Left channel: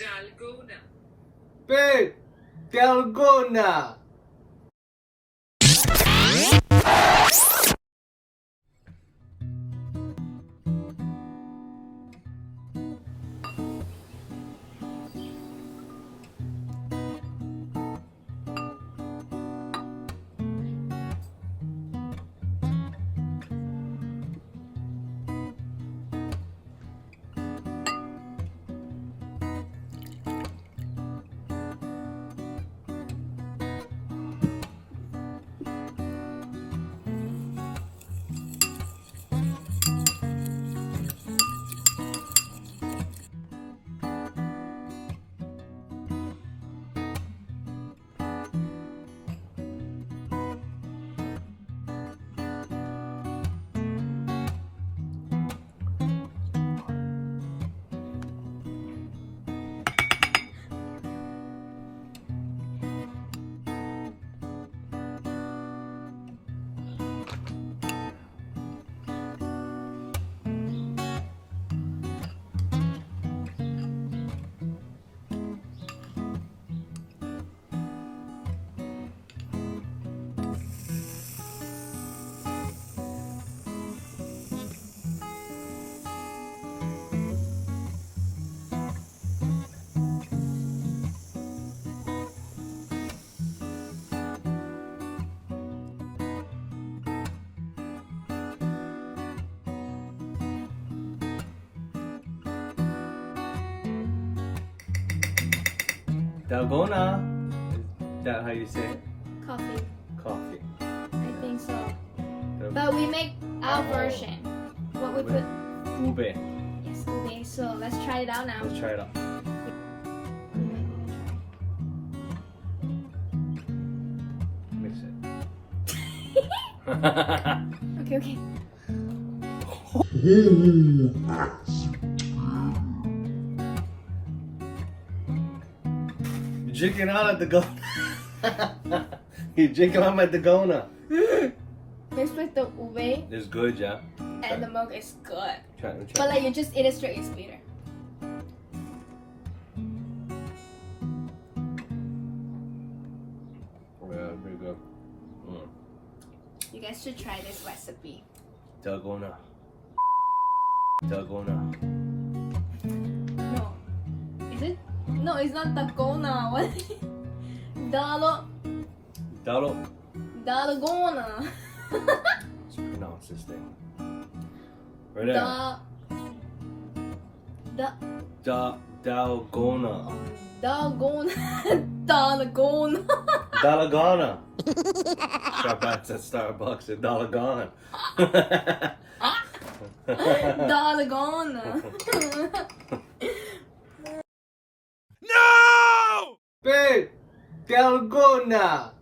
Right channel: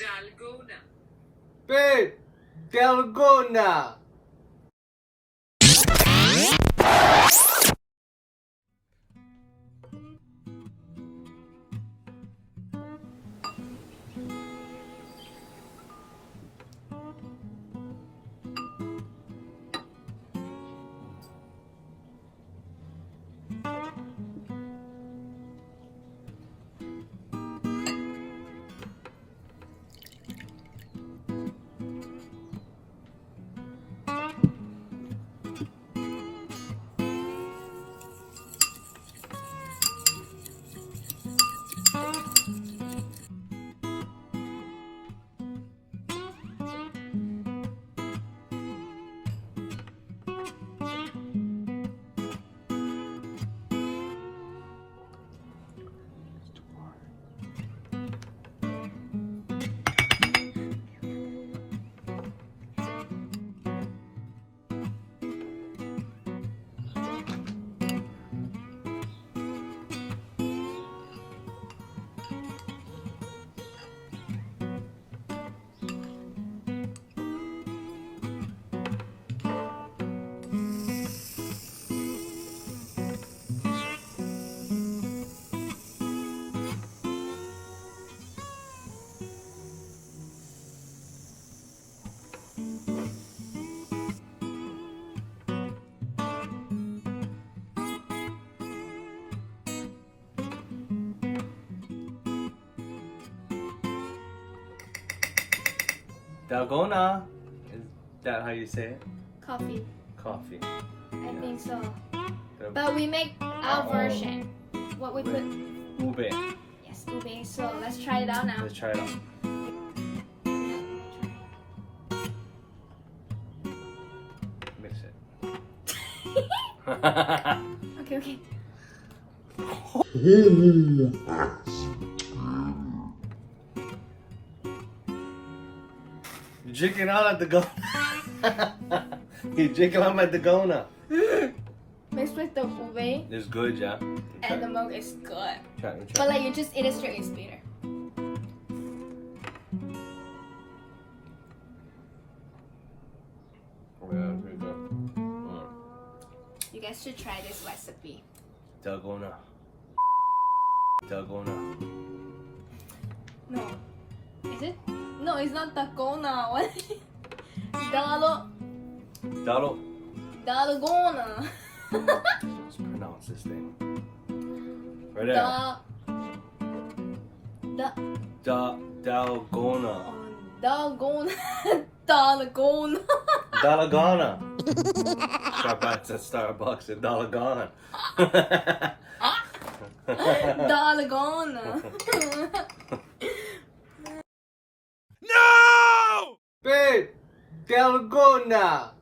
Dalgona. Babe, Dalgona. Dalgona. Is that how you say it? Coffee. Coffee. I think so. But we make our version. What we put. Ube. Yes, ube. So let's try it out now. Let's try it out. Mix it. Okay, okay. Drinking out at the go. He's drinking out at the Gona. Mixed with the ube It's good, yeah. and the milk is good. Try. But like you just eat it straight, it's bitter. Yeah, pretty good. You guys should try this recipe. Dalgona. Dalgona. No. Is it? No, it's not Dalgona. What? Dalo. Dalgona. Let's pronounce this thing. Right there. Dalgona. Dalgona. Dalgona. Dalgona. Starbucks at Starbucks at Dalgona. Dalgona. Babe, Dalgona.